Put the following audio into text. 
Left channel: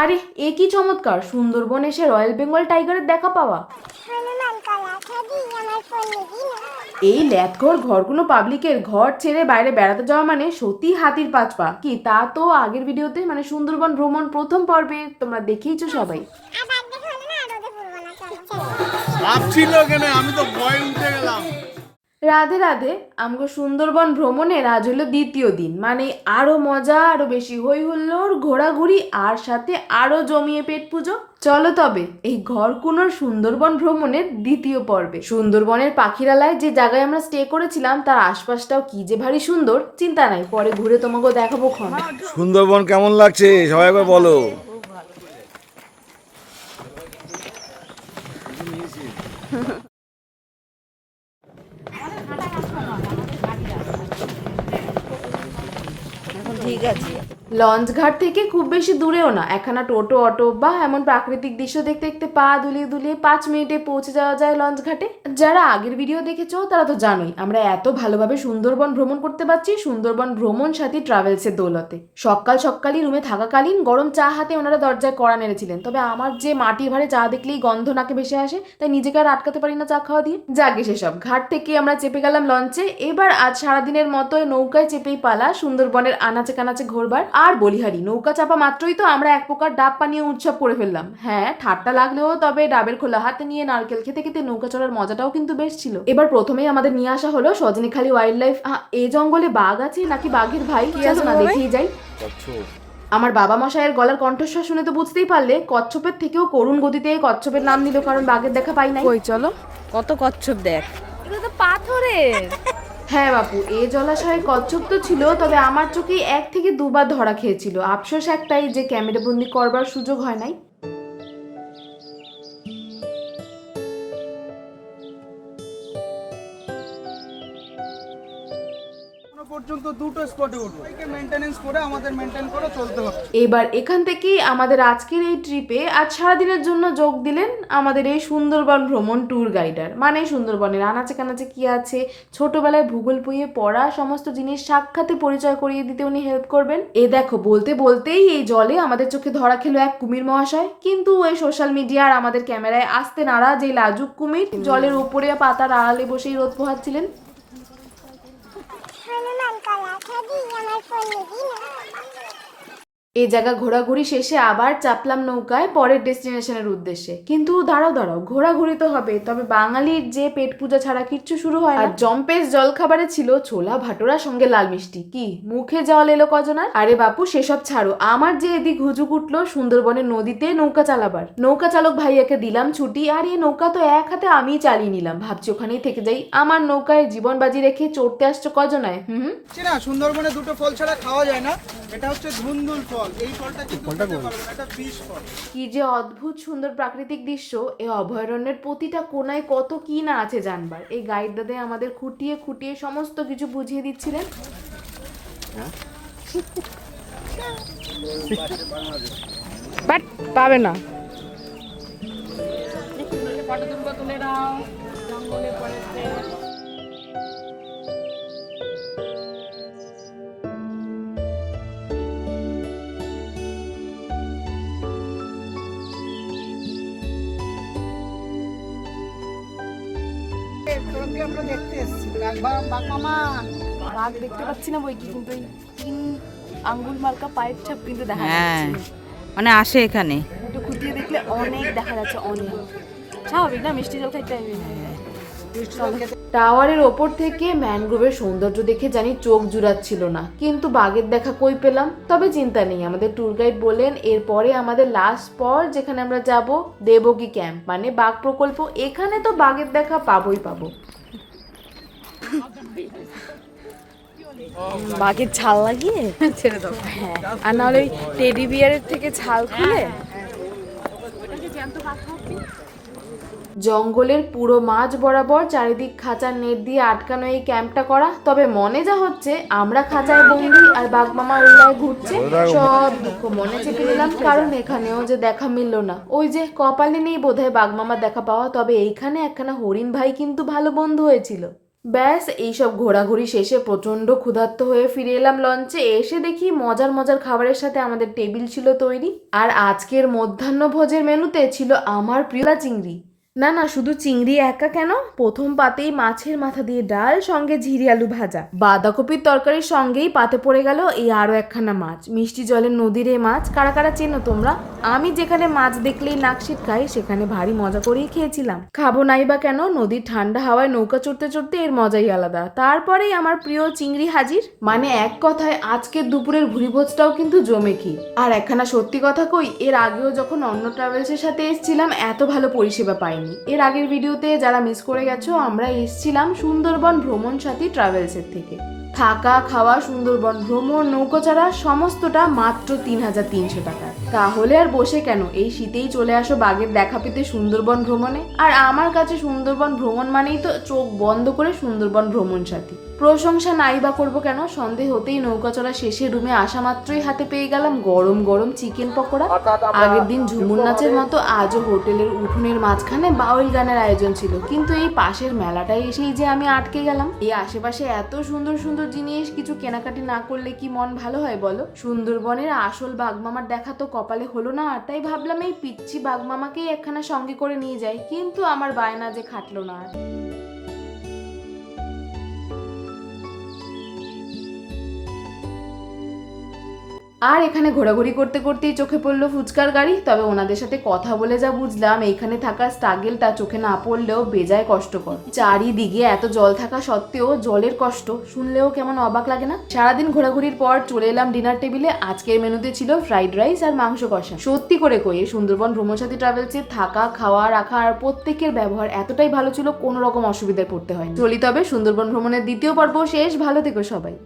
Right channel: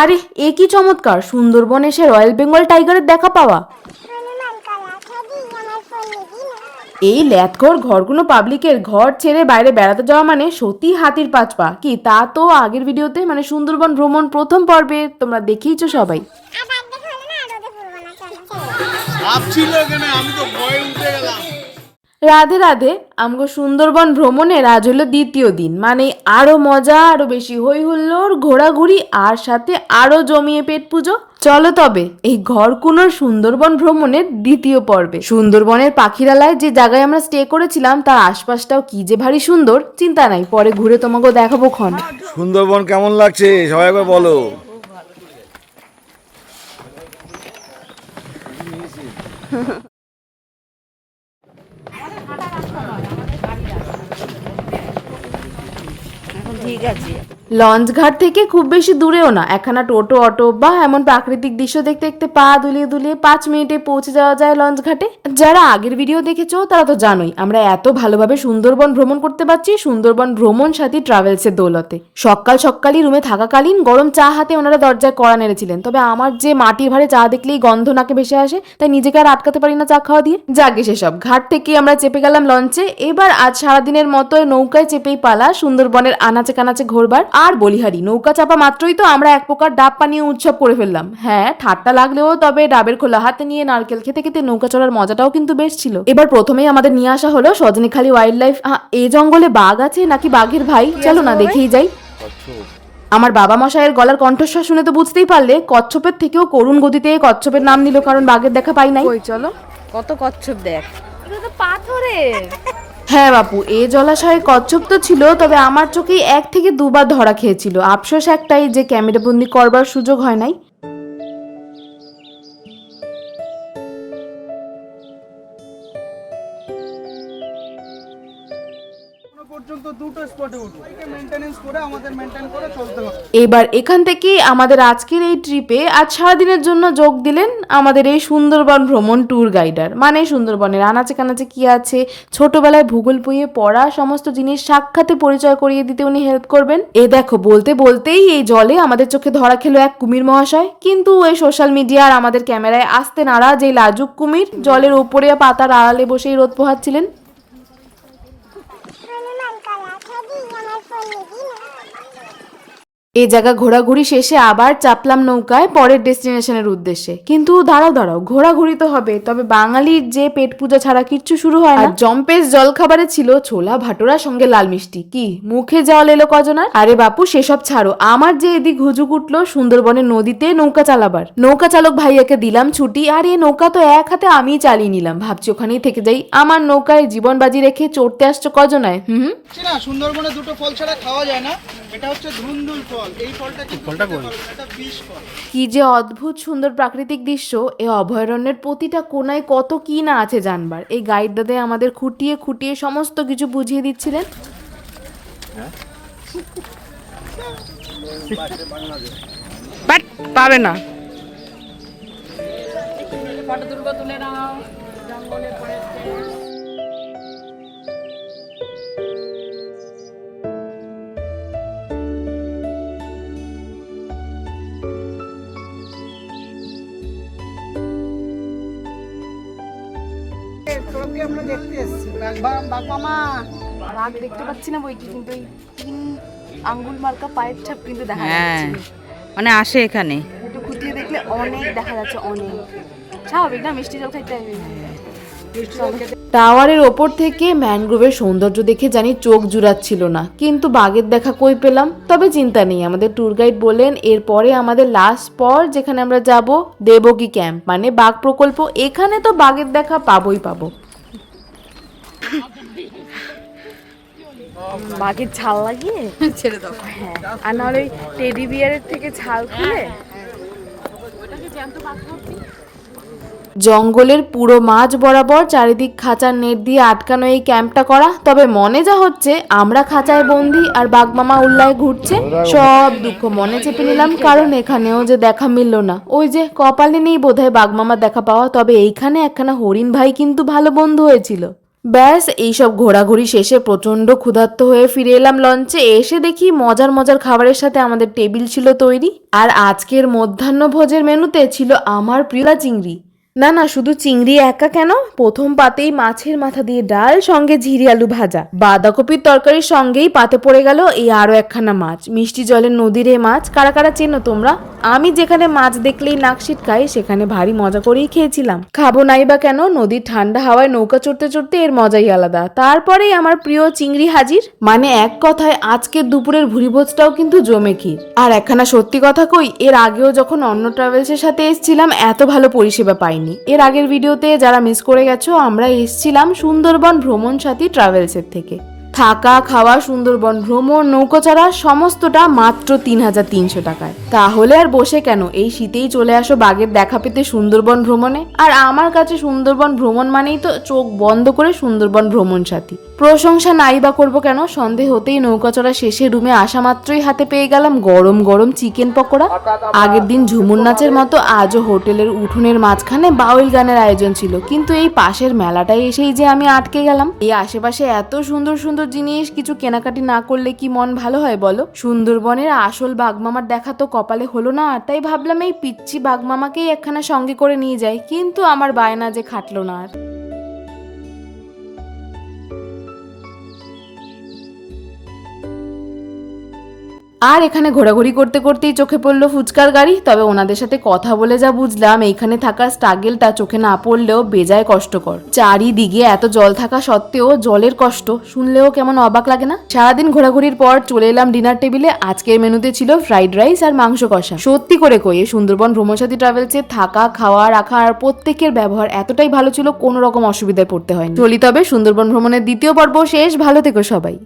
আরে এ কি চমৎকার। সুন্দরবন এসে রয়্যাল বেঙ্গল টাইগারের দেখা পাওয়া। এই ল্যাথঘর ঘরগুলো পাবলিকের ঘর ছেড়ে বাইরে বেড়াতে যাওয়া মানে সত্যি হাতির পাঁচ পা। কি তা তো আগের ভিডিওতে মানে সুন্দরবন ভ্রমণ প্রথম পর্বে তোমরা দেখিয়েছো সবাই। আমি তো রাধে রাধে আমগো সুন্দরবন ভ্রমণের আজ হলো দ্বিতীয় দিন। মানে আরও মজা আরও বেশি হই হুল্লোড় ঘোরাঘুরি আর সাথে আরও জমিয়ে পেট পুজো। চলো তবে এই ঘরকুনোর সুন্দরবন ভ্রমণের দ্বিতীয় পর্বে। সুন্দরবনের পাখিরালয় যে জায়গায় আমরা স্টে করেছিলাম তার আশপাশটাও কি যে ভারী সুন্দর চিন্তা নাই পরে ঘুরে তোমাকে দেখাবো ক্ষণ। সুন্দরবন কেমন লাগছে সবাই একবার বলো। লঞ্চ ঘাট থেকে খুব বেশি দূরেও না। একখানা টোটো, অটো বা এমন প্রাকৃতিক দৃশ্য দেখতে দেখতে পা দুলিয়ে দুলিয়ে পাঁচ মিনিটে পৌঁছে যাওয়া যায় লঞ্চ ঘাটে যারা আগের ভিডিও দেখেছ, তারা তো জানোই, আমরা এত ভালোভাবে সুন্দরবন ভ্রমণ করতে পারছি সুন্দরবন ভ্রমণ সাথী ট্রাভেলসের দৌলতে। সকাল সকালই রুমে থাকাকালীন গরম চা হাতে ওনারা দরজায় কড়া নেড়েছিলেন। তবে আমার যে মাটির ভারে চা দেখলেই গন্ধ নাকে ভেসে আসে, তাই নিজেকে আর আটকাতে পারি না চা খাওয়া দিয়ে। যাকে সেসব, ঘাট থেকে আমরা চেপে গেলাম লঞ্চে। এবার আজ সারাদিনের মতো নৌকায় চেপেই পালা সুন্দরবনের আনাচে কানাচে ঘোরবার। আর বলিহারি নৌকা চাপা মাত্রই তো আমরা এক প্রকার ডাব পানীয় উৎসব করে ফেললাম। হ্যাঁ ঠাট্টা লাগলেও তবে ডাবের খোলা হাতে নিয়ে নারকেল খেতে খেতে নৌকা চড়ার মজাটাও কিন্তু বেশ ছিল। এবার প্রথমেই আমাদের নিয়ে আসা হলো সজনেখালি ওয়াইল্ড লাইফ এই জঙ্গলে বাঘ আছে নাকি বাঘের ভাই? চলো না দেখেই যাই। আমার বাবা মশাইয়ের গলার কণ্ঠস্বর শুনে তো বুঝতেই পারলে কচ্ছপের থেকেও করুণ গতিতে কচ্ছপের নাম নিল কারণ বাঘের দেখা পাই নাই। কই চলো। কত কচ্ছপ দেখ। এগুলো তো পাথরের। হ্যাঁ বাপু, এ জলাশয়ে কচ্ছপ তো ছিল, তবে আমার চোখে এক থেকে দুবার ধরা খেয়েছিল। আফসোস একটাই যে ক্যামেরাবন্দি করবার সুযোগ হয় নাই। পর্যন্ত দুটো স্পটে উঠবো মেনটেনেন্স করে আমাদের মেনটেন করে চলতে হবে। এবার এখান থেকে আমাদের আজকের এই ট্রিপে আজ সারাদিনের জন্য যোগ দিলেন আমাদের এই সুন্দরবন ভ্রমণ ট্যুর গাইডার মানে সুন্দরবনের আনাচে কানাচে কি আছে, ছোটবেলায় ভূগোল বইয়ে পড়া, সমস্ত জিনিস সাক্ষাতে পরিচয় করিয়ে দিতে উনি হেল্প করবেন। এ দেখো, বলতে বলতেই এই জলে আমাদের চোখে ধরা খেলো এক কুমির মহাশয়। কিন্তু এই সোশ্যাল মিডিয়া আর আমাদের ক্যামেরায় আসতে নাড়া যে লাজুক কুমির। জলের উপরে পাতার আড়ালে বসেই রোদ পোহাচ্ছিলেন। আমার ফোন নিবি না এই জায়গা ঘোরাঘুরি শেষে আবার চাপলাম নৌকায় পরের ডেস্টিনেশনের উদ্দেশ্যে। কিন্তু দাঁড়াও দাঁড়াও ঘোরাঘুরি তো হবে তবে বাঙালির যে পেট পূজা ছাড়া কিচ্ছু শুরু হয় না। আর জম্পেস জল খাবারে ছিল ছোলা ভাটোরা সঙ্গে লাল মিষ্টি কি? মুখে জল এলো কজনার? আরে বাপু সেসব ছাড়ো আমার যে এদিক হুজুক উঠল সুন্দরবনের নদীতে নৌকা চালাবার। নৌকা চালক ভাইয়াকে দিলাম ছুটি আর এই নৌকা তো এক হাতে আমিই চালিয়ে নিলাম। ভাবছি ওখানেই থেকে যাই আমার নৌকায় জীবন বাজি রেখে চড়তে আসছো কজনায় হুম হুম? সুন্দরবনে দুটো ফল ছাড়া খাওয়া যায় না। এটা হচ্ছে ধুন্দুল ফল। এই ফলটা কিন্তু খেতে পারব এটা বিষ ফল। কি যে অদ্ভুত সুন্দর প্রাকৃতিক দৃশ্য। এই অভয়ারণ্যের প্রতিটা কোনায় কত কি না আছে জানবার। এই গাইড দাদা আমাদের খুঁটিয়ে খুঁটিয়ে সমস্ত কিছু বুঝিয়ে দিচ্ছিলেন। বাট পাবে না। সঙ্গে আমরা দেখতে এসেছি? বাঘ মামা। বাঘ দেখতে পাচ্ছি না বই কি কিন্তু এই তিন আঙ্গুল মার্কা পায়ের ছাপ কিন্তু দেখা হ্যাঁ। মানে আসে এখানে। একটু খুঁটিয়ে দেখলে অনেক দেখা যাচ্ছে অনেক। স্বাভাবিক না? মিষ্টি জল খাইতে হবে টাওয়ারের ওপর থেকে ম্যানগ্রোভের সৌন্দর্য দেখে জানি চোখ জুড়াচ্ছিল না। কিন্তু বাঘের দেখা কই পেলাম? তবে চিন্তা নেই আমাদের ট্যুর গাইড বললেন এরপরে আমাদের লাস্ট স্পট যেখানে আমরা যাব দেবগী ক্যাম্প মানে বাঘ প্রকল্প এখানে তো বাঘের দেখা পাবোই পাবো। বাঘের ছাল লাগিয়ে? ছেড়ে দেবো হ্যাঁ। আর নাহলে টেডি বিয়ারের থেকে ছাল খুলে? জঙ্গলের পুরো মাঝ বরাবর চারিদিক খাঁচার নেট দিয়ে আটকানো এই ক্যাম্পটা করা। তবে মনে যা হচ্ছে, আমরা খাঁচায় বন্দি আর বাঘমামা উল্লায় ঘুরছে, সব দুঃখ মনে চেপে নিলাম, কারণ এখানেও যে দেখা মিলল না। ওই যে কপালে নেই বোধহয় বাঘমামার দেখা পাওয়া, তবে এইখানে একখানা হরিণ ভাই কিন্তু ভালো বন্ধু হয়েছিল। ব্যাস, এইসব ঘোরাঘুরি শেষে প্রচণ্ড ক্ষুধার্ত হয়ে ফিরে এলাম লঞ্চে। এসে দেখি মজার মজার খাবারের সাথে আমাদের টেবিল ছিল তৈরি, আর আজকের মধ্যাহ্ন ভোজের মেনুতে ছিল আমার প্রিয় চিংড়ি। না না, শুধু চিংড়ি একা কেন? প্রথম পাতেই মাছের মাথা দিয়ে ডাল, সঙ্গে ঝিরি আলু ভাজা। বাঁধাকপির তরকারির সঙ্গেই পাতে পড়ে গেল এই আরও একখানা মাছ। মিষ্টি জলের নদীর মাছ, কারা কারা চেনো তোমরা? আমি যেখানে মাছ দেখলেই নাক খাই সেখানে ভারী মজা করেই খেয়েছিলাম। খাব নাই বা কেন? নদীর ঠান্ডা হাওয়ায় নৌকা চড়তে চড়তে এর মজাই আলাদা। তারপরেই আমার প্রিয় চিংড়ি হাজির। মানে এক কথায়, আজকের দুপুরের ভুরিভোজটাও কিন্তু জমে কি? আর একখানা সত্যি কথা কই, এর আগেও যখন অন্য ট্রাভেলসের সাথে এসেছিলাম, এত ভালো পরিষেবা পাইনি। এর আগের ভিডিওতে যারা মিস করে গেছো আমরা এসছিলাম সুন্দরবন ভ্রমণ সাথী ট্রাভেলসের থেকে। থাকা খাওয়া সুন্দরবন ভ্রমণ নৌকোচারা সমস্তটা মাত্র তিন হাজার তিনশো টাকায়। তাহলে আর বসে কেন? এই শীতেই চলে আসো বাঘের দেখা পেতে সুন্দরবন ভ্রমণে। আর আমার কাছে সুন্দরবন ভ্রমণ মানেই তো চোখ বন্ধ করে সুন্দরবন ভ্রমণ সাথী। প্রশংসা নাই বা করব কেন? সন্ধে হতেই নৌকা চড়া শেষে রুমে আসা মাত্রই হাতে পেয়ে গেলাম গরম গরম চিকেন পকোড়া। আগের দিন ঝুমুর নাচের মতো আজও হোটেলের উঠোনের মাঝখানে বাউল গানের আয়োজন ছিল। কিন্তু এই পাশের মেলাটায় এসেই যে আমি আটকে গেলাম। এই আশেপাশে এত সুন্দর সুন্দর জিনিস, কিছু কেনাকাটি না করলে কি মন ভালো হয় বলো? সুন্দরবনের আসল বাঘমামার দেখা তো কপালে হলো না তাই ভাবলাম এই পিচ্ছি বাঘমামাকেই একখানা সঙ্গে করে নিয়ে যাই, কিন্তু আমার বায়না যে খাটলো না আর। আর এখানে ঘোরাঘুরি করতে করতেই চোখে পড়ল ফুচকার গাড়ি, তবে ওনাদের সাথে কথা বলে যা বুঝলাম, এইখানে থাকা স্ট্রাগেলটা চোখে না পড়লেও বেজায় কষ্টকর। চারিদিকে এত জল থাকা সত্ত্বেও জলের কষ্ট, শুনলেও কেমন অবাক লাগে না? সারাদিন ঘোরাঘুরির পর চলে এলাম ডিনার টেবিলে আজকের মেনুতে ছিল ফ্রাইড রাইস আর মাংস কষা। সত্যি করে কয়ে সুন্দরবন ভ্রমণসাথী ট্রাভেলসে থাকা, খাওয়া, রাখা আর প্রত্যেকের ব্যবহার এতটাই ভালো ছিল, কোনো রকম অসুবিধায় পড়তে হয়নি। চলি তবে সুন্দরবন ভ্রমণের দ্বিতীয় পর্ব শেষ, ভালো থেকো সবাই।